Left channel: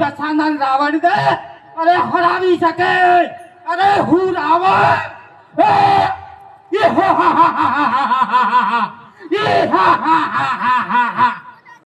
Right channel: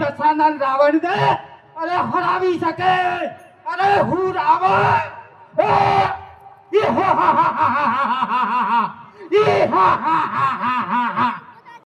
कसानन रावण दे अरे हरावी सके अरे हु रावण ये हा हा हा हा हा हा हा